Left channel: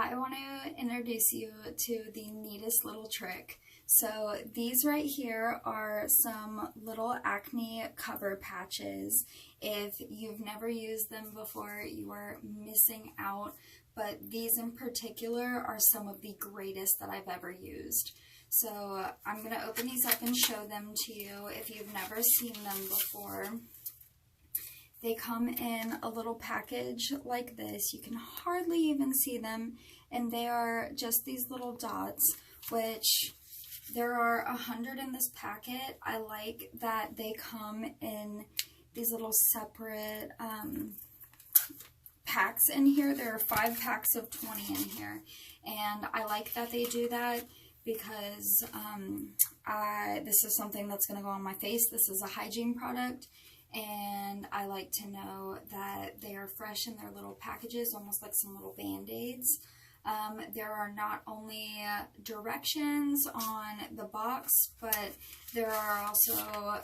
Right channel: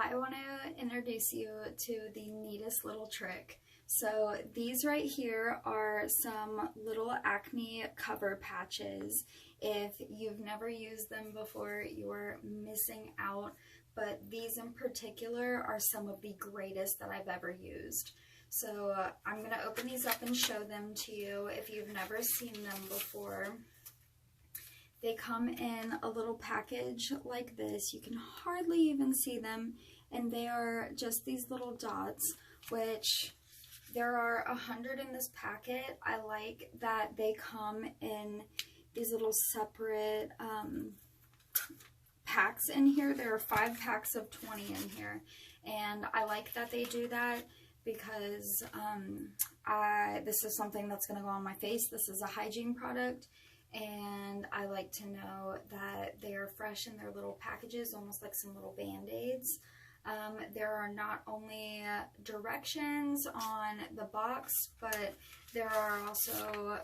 I want to introduce you to the neatest little trick. So these right here are some little acne cover patches. If you've never used them before, you are missing out, but these in particular are some of the greatest that I've ever used. So I'm going to open these up and show them to you if you've never seen them before. They come in a little package like this. You can hardly even see them, and they are just these little dots, which there are 100 in this packet. I like that they come in these little separate packs in here. There are 5 packs of 20 in here, and I like that they do that because this is something that's going to go on my face. This is a hygiene product, and I like to know that they are fresh in their little packages, almost like some little band-aids. There are not only directions on the box, but there are also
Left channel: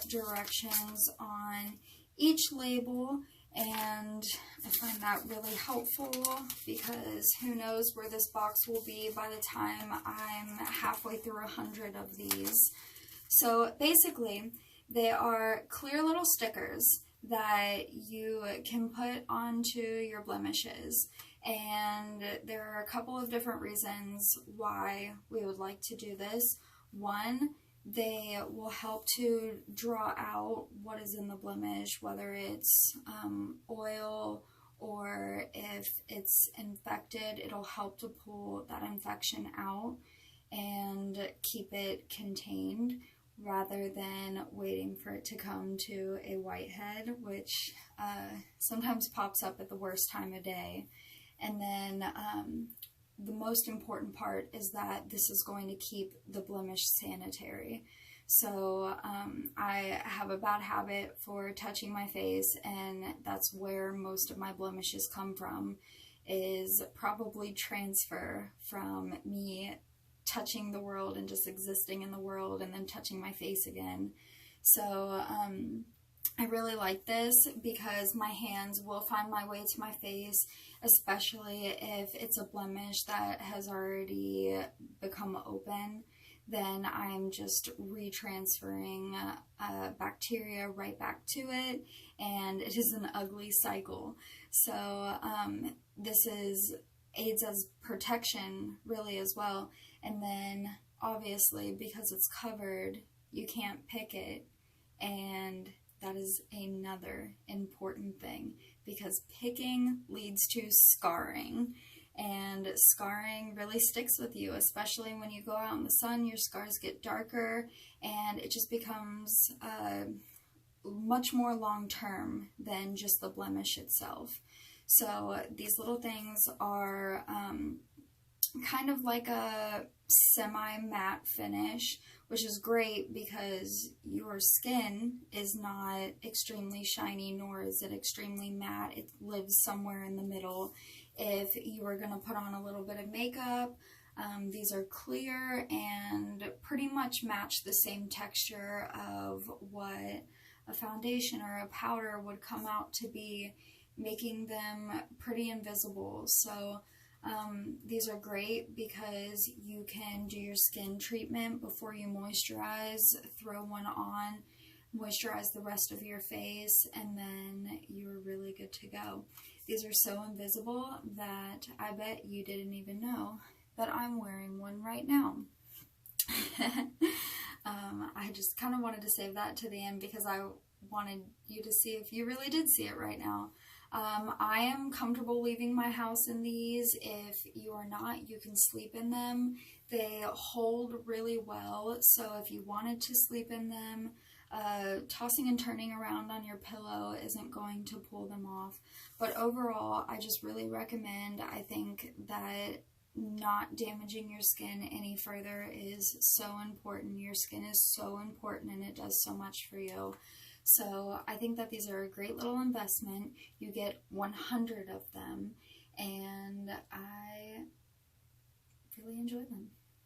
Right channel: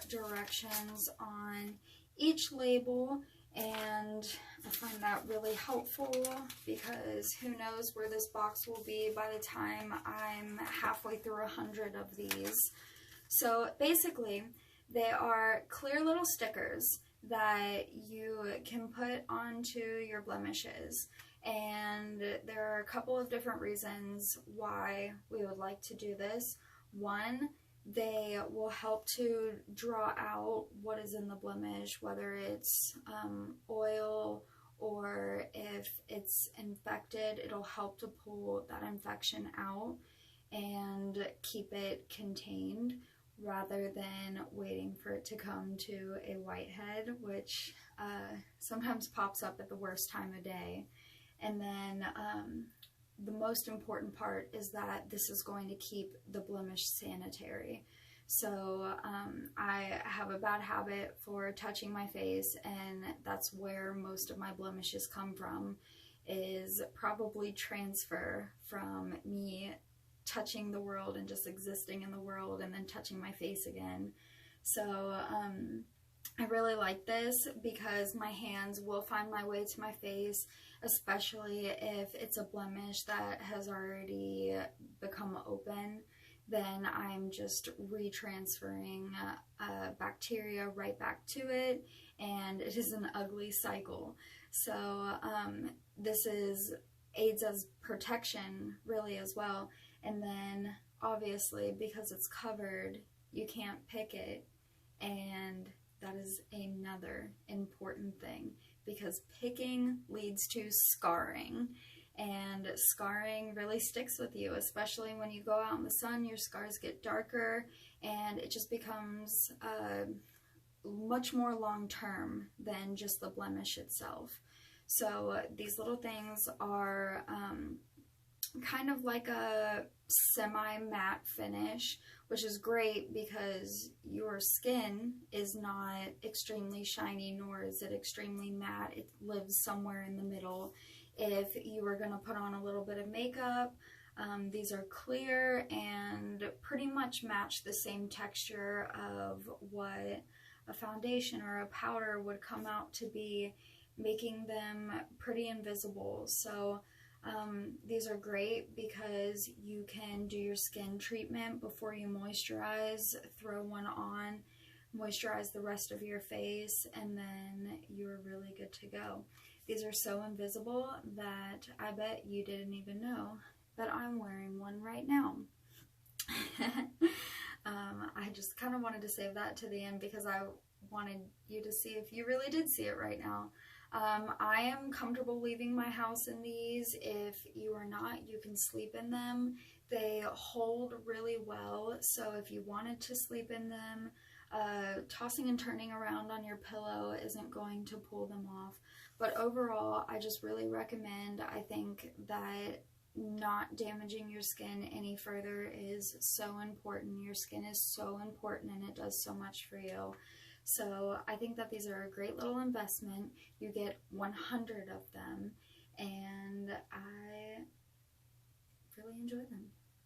directions on each label, and I find that really helpful because who knows where this box will be by the time I'm halfway through 100 of these. So basically, they are clear little stickers that you can put onto your blemishes. And there are a couple of different reasons why we would like to do this. One, they will help to draw out what is in the blemish, whether it's oil or if it's infected. It'll help to pull that infection out and keep it contained rather than waiting for it to come to a whitehead, which sometimes pops up at the worst time of day. And then the most important part is that this is going to keep the blemish sanitary. So I have a bad habit for touching my face, and that's where most of my blemishes come from, is probably transfer from me touching the world and just existing in the world and then touching my face again. So I really like this because my hands will find my way to my face, especially if it's a blemish that has already become open. Then I'm just retransferring bacteria right back to it, and it is an ugly cycle. So this aids as protection really as well. And then obviously because it's covered, you can't pick it, and that is another important thing because picking leads to scarring, and scarring really sticks with you, especially when you go out in the sun. Your scars get darker, and it just becomes much more long-term than just the blemish itself. So these little things are kind of like a semi-matte finish, which is great because your skin is not extremely shiny, nor is it extremely matte. It lives somewhere in the middle. If you were going to put on a little bit of makeup, these are clear and pretty much match the same texture of what a foundation or a powder would come out to be, making them pretty invisible. So these are great because you can do your skin treatment before you moisturize, throw one on, moisturize the rest of your face, and then you're really good to go. These are so invisible that I bet you didn't even know that I'm wearing one right now. I just kind of wanted to save that to the end because I wanted you to see if you really did see it right now. I am comfortable leaving my house in these. If you are not, you can sleep in them. They hold really well, so if you wanted to sleep in them, tossing and turning around on your pillow isn't going to pull them off. But overall, I just really recommend. I think that not damaging your skin any further is so important. Your skin is so important, and it does so much for you. So I think that these are a great little investment. You get 100 of them, and I really enjoy them.